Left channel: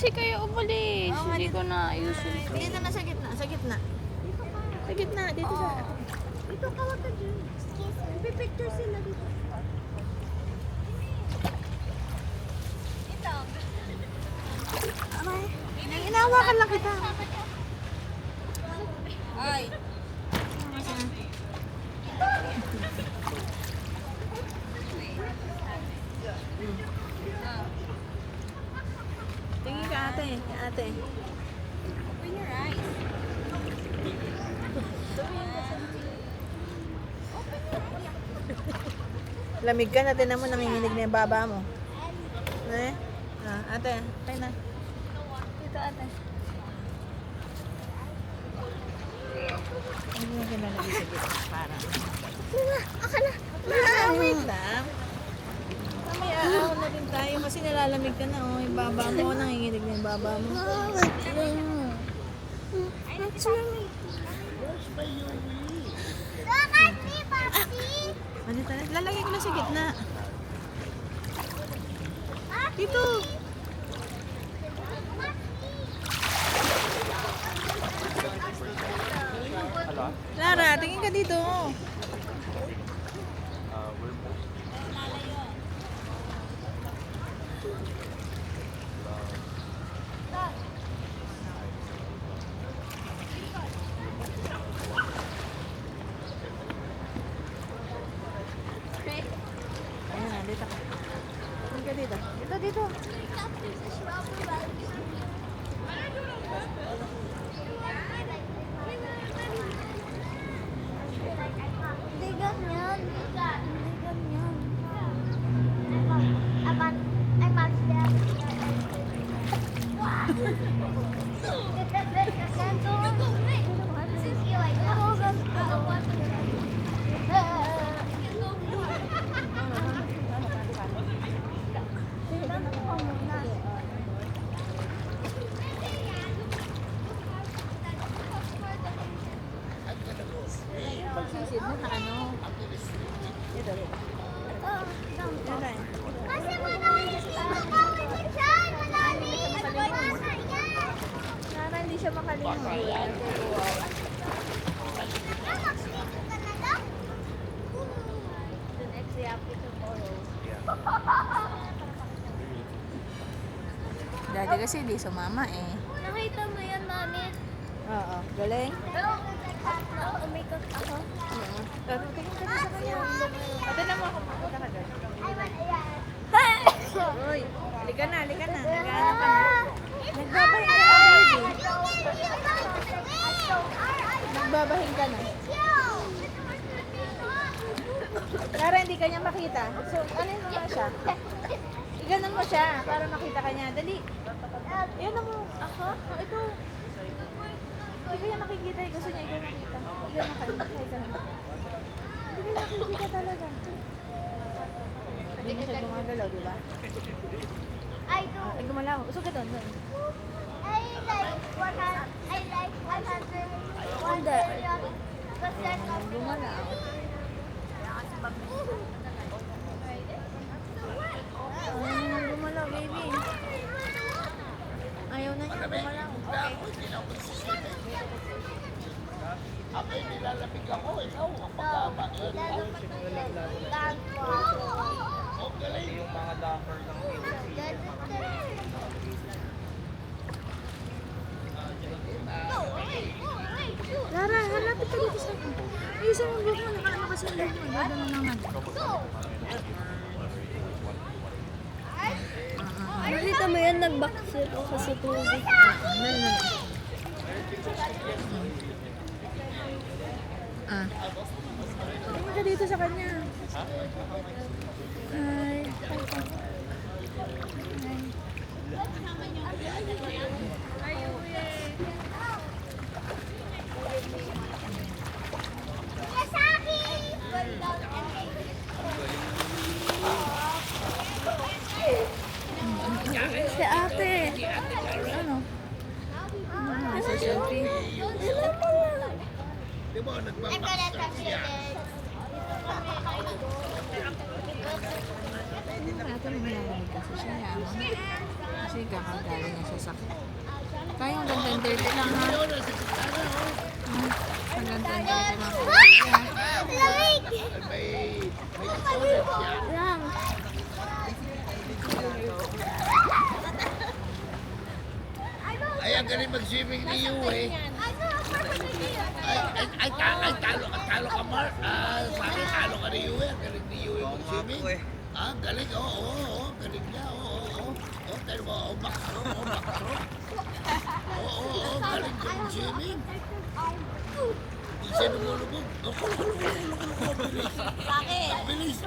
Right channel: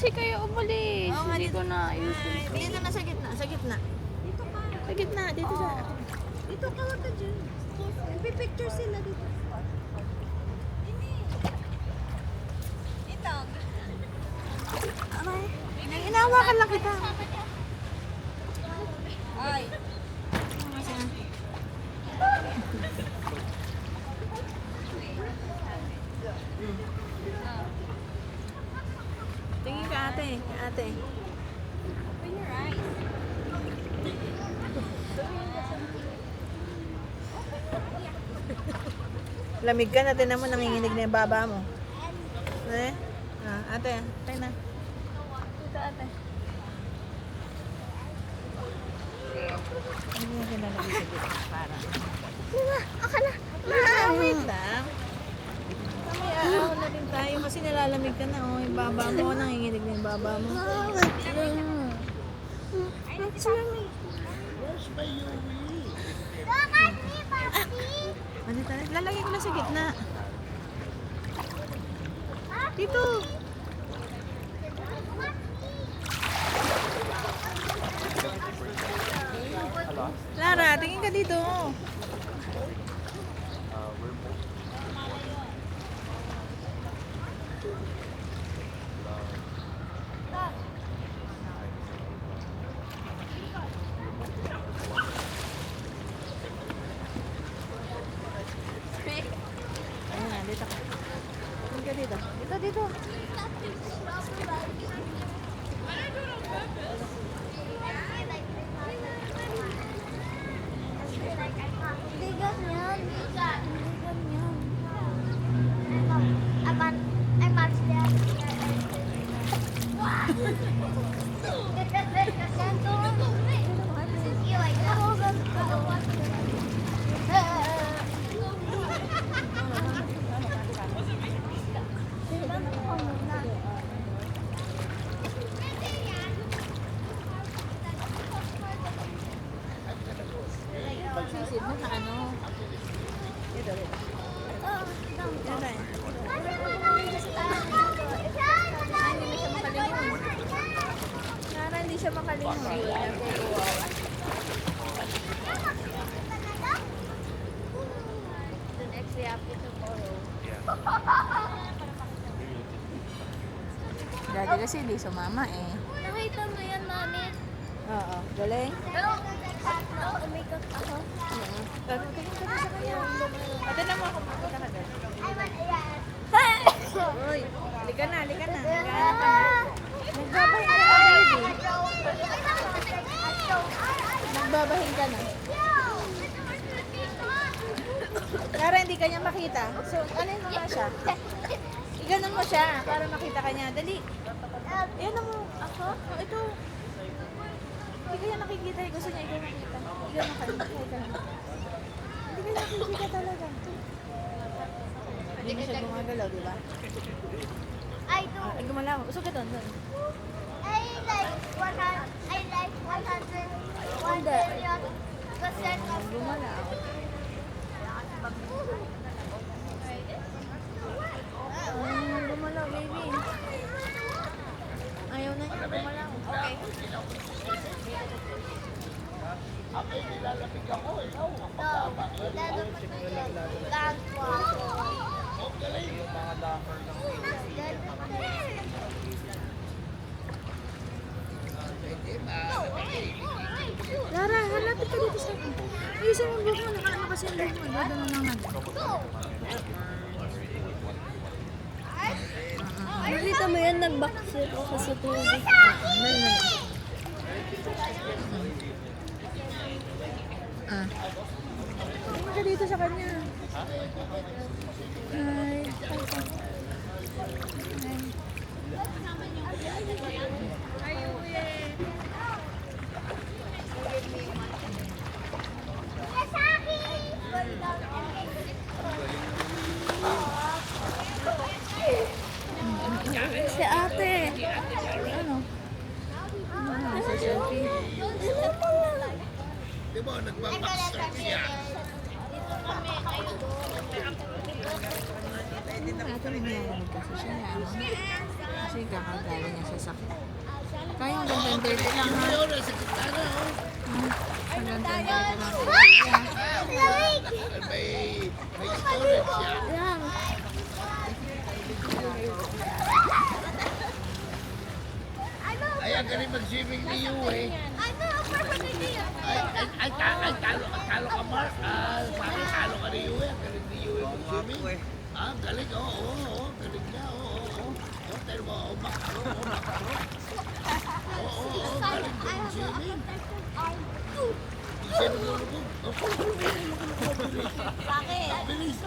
kasi kayo umalis. Oo nga, Hindi dito. ko na ayusin. Dito na sa gitna, sa gitna. Sa gitna, dito sa... Dito ka wag ka dyan. Pipicture sila dito. Aray, inawakan lang kita. Ay. Kasi ate. Tingin ka ate, ate. Open your eyes. Lamig ka na, tinan mo, nanginginig na yung baba mo. Eh? Ate, tayo na. Dito ate. Hindi na kinalagay sa gitna para. Wait lang. May aaw na din tayo kasi nalalamig ka na. Oh, yung baba mo, nanginginig na yung baba mo. Ano tayo? Lalagay ko na sa gitna. Dito. Lara, tingin ka dito. Ayan na, dito ka. Tingin ka dito. Dito, dito. Hindi ganyan. Hindi ganyan. Pagsisid mo sa ano? Dito, dito. Dito tayo. Ay, hindi na siya makalingon. Sana hindi siya makalingon. Dati kasi hindi sumama eh. Nakita mo yan, mami? Oo, galing. Na-umikot ako. Pero tingin ka na sa kanya. Pati na mo ako pupunta ka doon. Uy, halika na, halika na. Naghahanap ka na. Nagbabahin ka na, baby. Nagbabahin ka na. Para hindi ka niya makita. So, ano mo na siya? Iganon mo siya para makita ka niya. Dali. Ayan mo. Ako? Ito. Hindi ko yan nakikita. Gusto niya ikaw nakikita. Iganon ka. Hindi ka nakikita talaga. Hindi na siya gumagalaw, di ba? Ay, gumalaw. Usok ito. Hindi. Gumalaw. Gumalaw, baby. Ayaw na niya, gumalaw. Lara, halapit ka dito sa akin. Ayusin mo yung buhok mo, nakaano kasi yung buhok mo. Dada mo naman. Nakita mo yan, nag-backflip ako sa tubig. Tingin ka dito sa kanya. Ay. Si ate. Ano? Sa selfie. Di ba, nagbabackstep siya? Hindi na ate, naglalamig kasi siya. Kasi kakagaling niya sa sakit. Kaya yung ganda-dirty lang ha. Ang ganda-dirty lang po. May storage yan. Lang. Ay, ang galing mag-swimming ni Yu eh. Ay, talo ka, Mark. Talo ka ni Yu eh. Ang galing ni Yu eh mag-swimming. Ah, galing, oo, galing na, oo. Pero mo, Max, galing ka mag-swimming. Isa lumulubog. Bilis.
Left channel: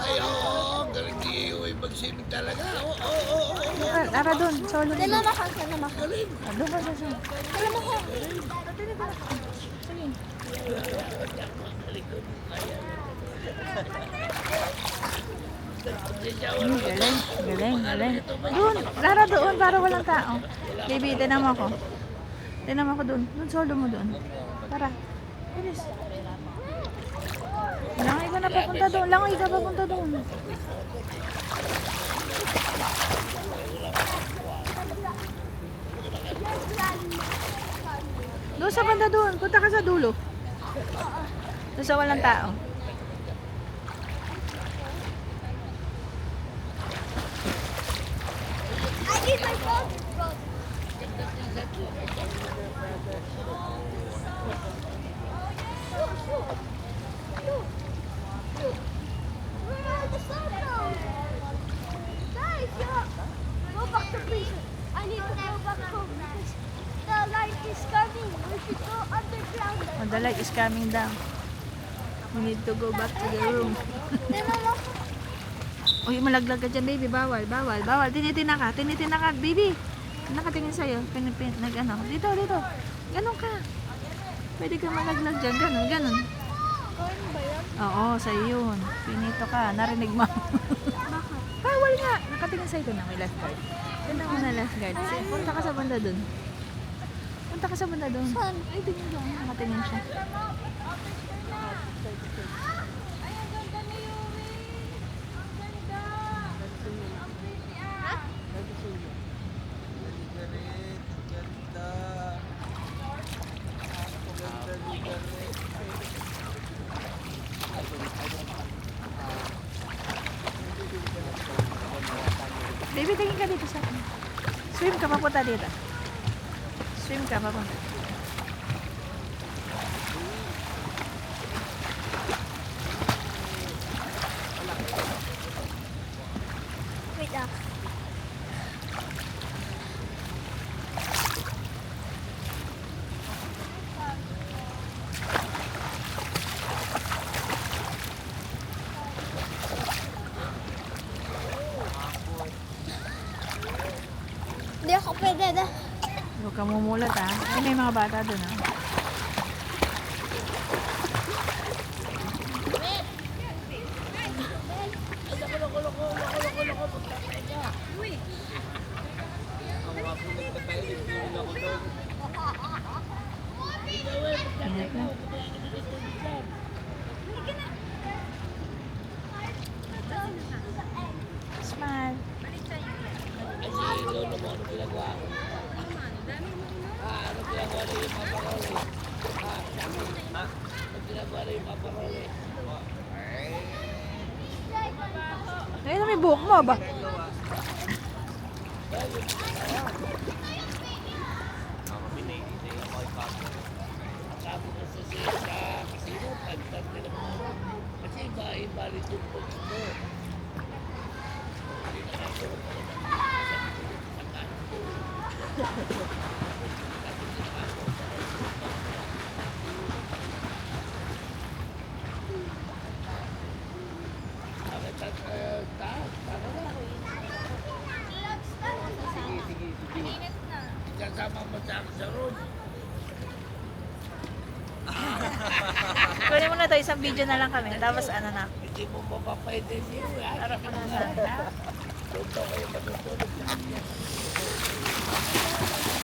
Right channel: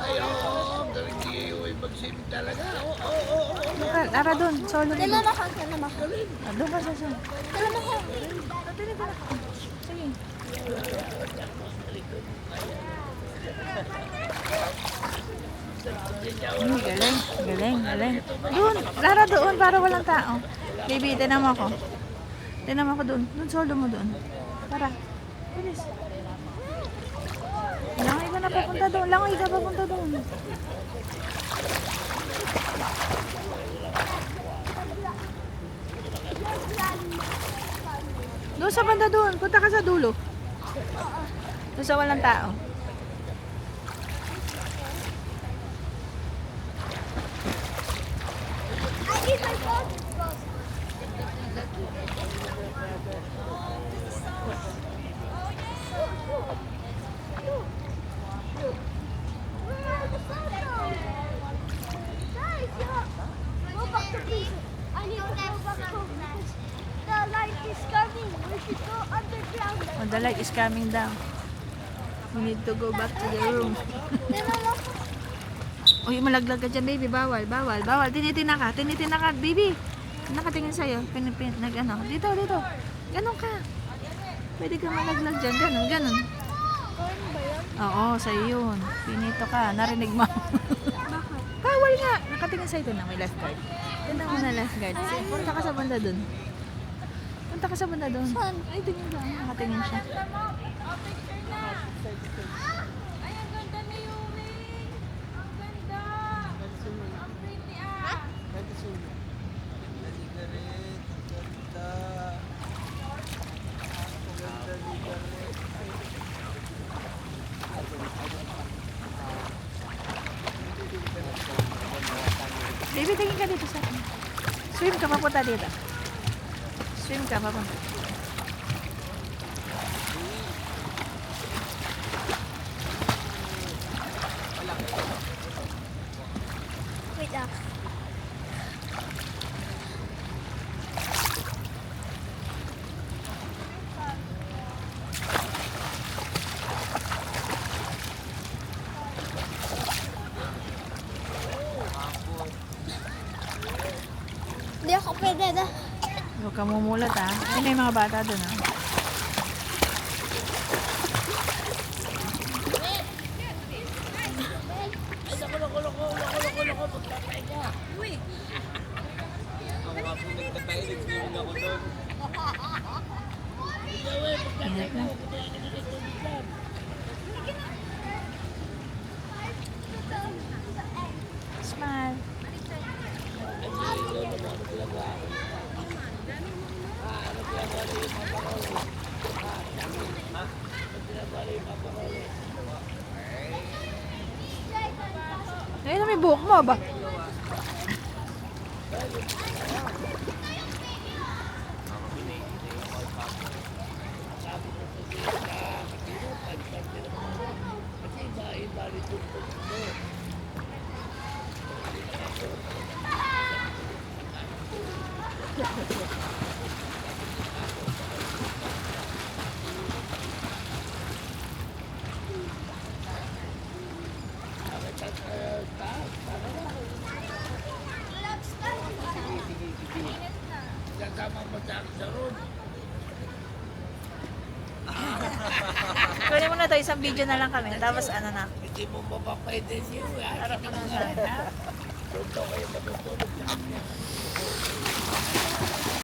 Ay, oo, galing ni Yu eh mag-swimming talaga. Tara doon, solo Dala doon. mo ka, dala mo ka. Doon ka sa solo. Dala mo ka. Sige. Galing. Doon, Lara doon para walang tao. Baby, tinan mo ako. Tinan mo ako doon. Doon, solo mo doon. Tara. Bilis. Langoy ka na papunta doon. Langoy ka papunta doon. Doon sa banda doon. Punta ka sa dulo. Doon sa walang tao. Guys, go back to prison. I need to go back home because the light is coming. We should go underground. Oh, the light is coming down. We need to go back to the room. Dala mo ka. Uy, malaglag ka dyan, baby. Bawal. Tinitina ka, baby. Nakatingin sa'yo. Nag-ano. Dito. Ganon ka. Pwede ka malaglag dyan. Ganon. Corn ba yan? Oo, sa'yo yun. Pinito ka. Narinig mo. Bakit? Bawal nga. Nakatingin sa'yo doon na may last guard. Doon mo na last guard. Punta ka sa banda doon. Saan? Ay, doon yun lang. Nakatingin siya. Baby, tingin ka dito sa akin. Swim ka papunta dito. Wait ah. Hindi ako pwede na. Huwag ka mumulat ha. Ay, may mga bata doon ha. Ingat na. Smile. Ayun na may buhok mo ba? Kasama mo sa akin sa room. Kunin mo na to, isang video na lang kami. Tapos ano na. Hindi mo mapapwede siya. Harap mo na sa akin. Doon daw kayo matutulog.